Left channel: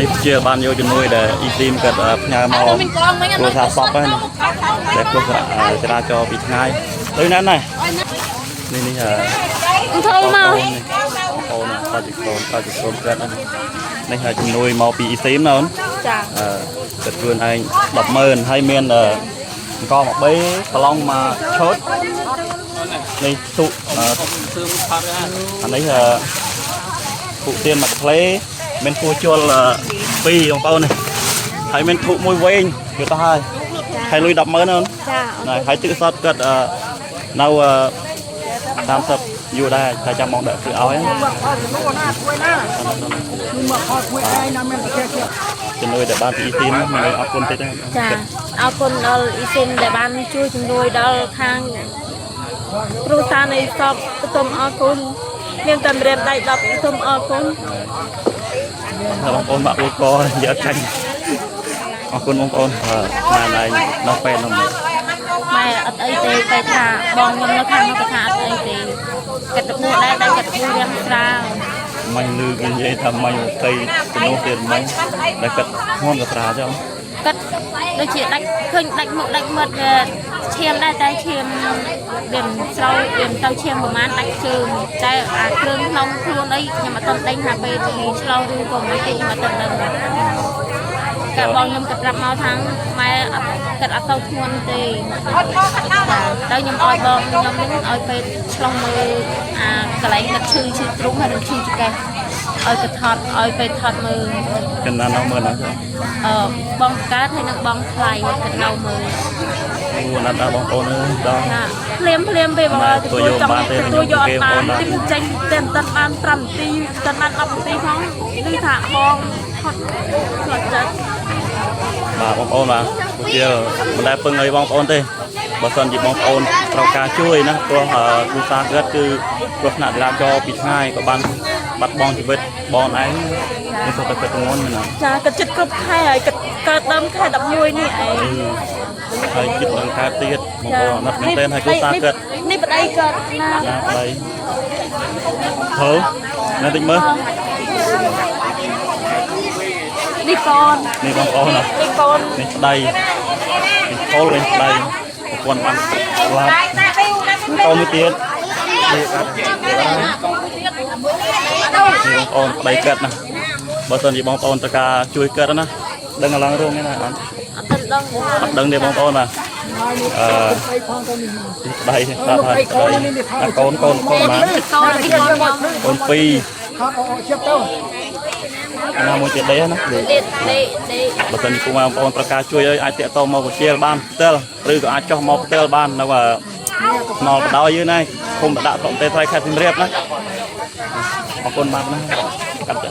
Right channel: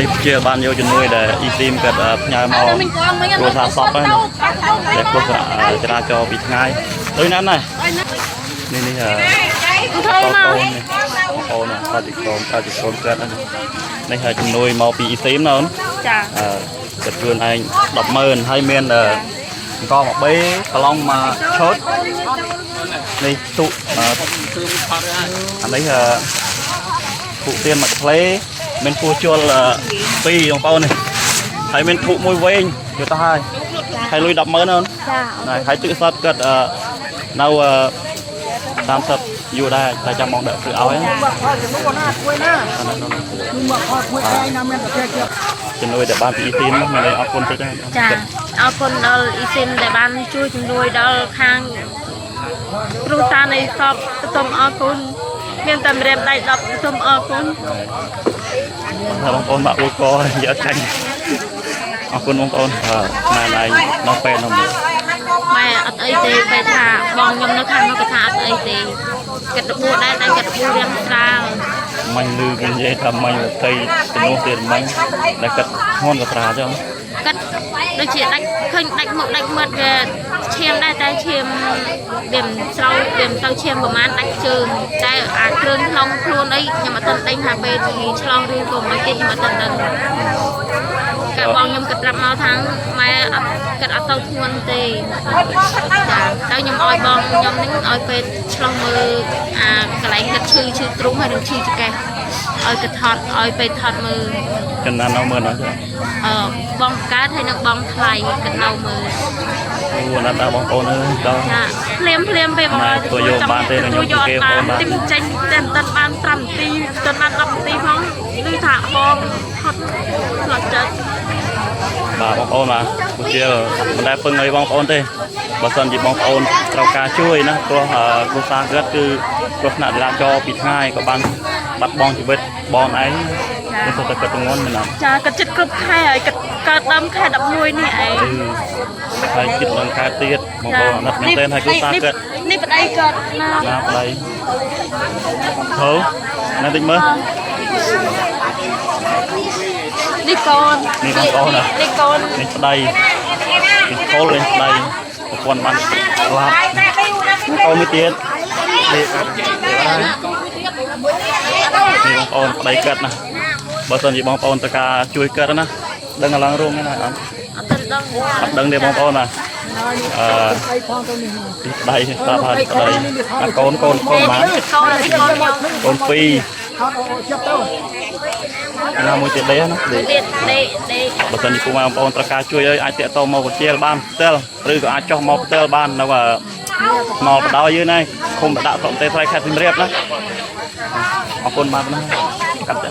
នេះជាបានយកជំនួយដែលអ៊ីស៊ីមគាត់ផ្ញើមកគ្រួសារសពហ្នឹងដែលគ្រោះចរាចរណ៍ពីថ្ងៃដូចណាស់ណានេះនេះបងប្អូនគាត់ជាកូនគាត់គាត់នេះជំនួយមកពីអ៊ីស៊ីមណាអូនចាគាត់ខ្លួនឯង 100000 ហើយមានអង្គមកបេប្រឡងមកឈុតនេះទុអានេះពុទៀនមកផ្លេមានគួជល់2បងប្អូននេះហើយមានធុមួយវែងយកទៅហើយលុយ 100000 អូនចាហើយទឹកសតគាត់នៅ30យូរដែរតែចាំមកដាក់ព្រឹកឲ្យជំនួយដែលបានពីអ៊ីស៊ីនមានអរគុណទេចាអរគុណដល់អ៊ីស៊ីនដែលបានជួយជំនួយដល់ខាងគ្រួសារនៃសពសូមអរគុណមានតែម្រាមដៃ10សូមអរគុណបងប្អូនបាក់អ៊ូកយកចាញ់អរគុណបងប្អូនម៉ែឯងនៅពេលនោះម៉ែអត់អីទេពេលថាបងខ្ញុំនៅខាងនោះក៏ថាអត់អីទេកាត់របួសដែរតែកាត់របួសរាងស្រាលមិនលឺគេនិយាយថាមិន20ជំនួសទៀតមិនដែលកាត់ធ្ងន់ក៏ស្រាលចឹងកាត់ដូចជាដាច់ឃើញដាច់មុខដាច់មាត់ឈាមដែរតែឈាមវាមិនស្រូវវាមិនទៅឈាមប្រហែលដាច់ជើងតែអាគ្រឿងក្នុងខ្លួនអីខ្ញុំអត់ទាន់ដេញថាពេលឆ្លងឬក៏មិនទេខ្ញុំអត់ទាន់ដឹងកាបងខ្ញុំគិតប្រាប់មកថាម៉ែអត់គិតអត់ទៅធ្ងន់ទេចាទៅខ្ញុំឲ្យបងខ្ញុំនឹងឲ្យពេទ្យឆ្លោះមើលអាកន្លែងគិតឈឺទ្រូងហើយនឹងឈឺចង្កេះឲ្យទៅថតឲ្យពេទ្យថតមើលចំណាននៅមើលនោះចាបងកើតហើយនឹងបងថ្លៃគិតនៅមើលអូណាស់ដល់បងប្អូនអើយដល់ភ្លាមពេលបងទៅយកបានទេខ្ញុំយកបានទីចេញតែមិនតាន់បាន5នាទីតាន់បាន10នាទីផងឮថាបងហត់ផ្លត់ចិត្តបាទបងប្អូនបាទពួកជាមិនដែលពឹងឲ្យបងប្អូនទេបើសិនជាបងប្អូនត្រូវការជួយណាព្រោះគ្រួសារគាត់គឺគ្រោះថ្នាក់ចរាចរណ៍ពីថ្ងៃក៏បានបាត់បង់ជីវិតបងឯងនេះសុទ្ធតែគាត់ធ្ងន់មែនណាចាគាត់ចិត្តគ្រប់ខែហើយគាត់កើតដើមខែ11នេះឯងហើយចិត្តដល់ខែទៀតបងប្អូនអត់មែនទេហើយគ្រួសារគាត់នេះប្តីគាត់ណាប្តីហៅណាតិចមើលនេះកូននេះបងប្អូននេះកូននេះប្តីនេះកូននេះប្តីប្រពន្ធបានស្លាប់កូនមួយទៀតនេះបងប្អូនប្តីកើតណាបើសិនជាបងប្អូនត្រូវការជួយកើតណាដឹងកន្លងរួមណាអត់ដឹងទេបងប្អូនណាប្តីស្ដាប់ហើយប្តីកូនកូនបានកូន2ណាមួយទៀតដេណាបើសិនជាពុកម៉ែបងប្អូនត្រូវការជួយឲ្យអាចតាក់ទងមកវិទ្យាលបានផ្ទាល់ឬក៏អាចចុះមកផ្ទាល់បាននៅថ្នល់បដ យើងណាឃុំដាក់ស្រុកទេថ្លៃខេត្តសៀមរាបណាអរគុណបាទណាកាត់ចា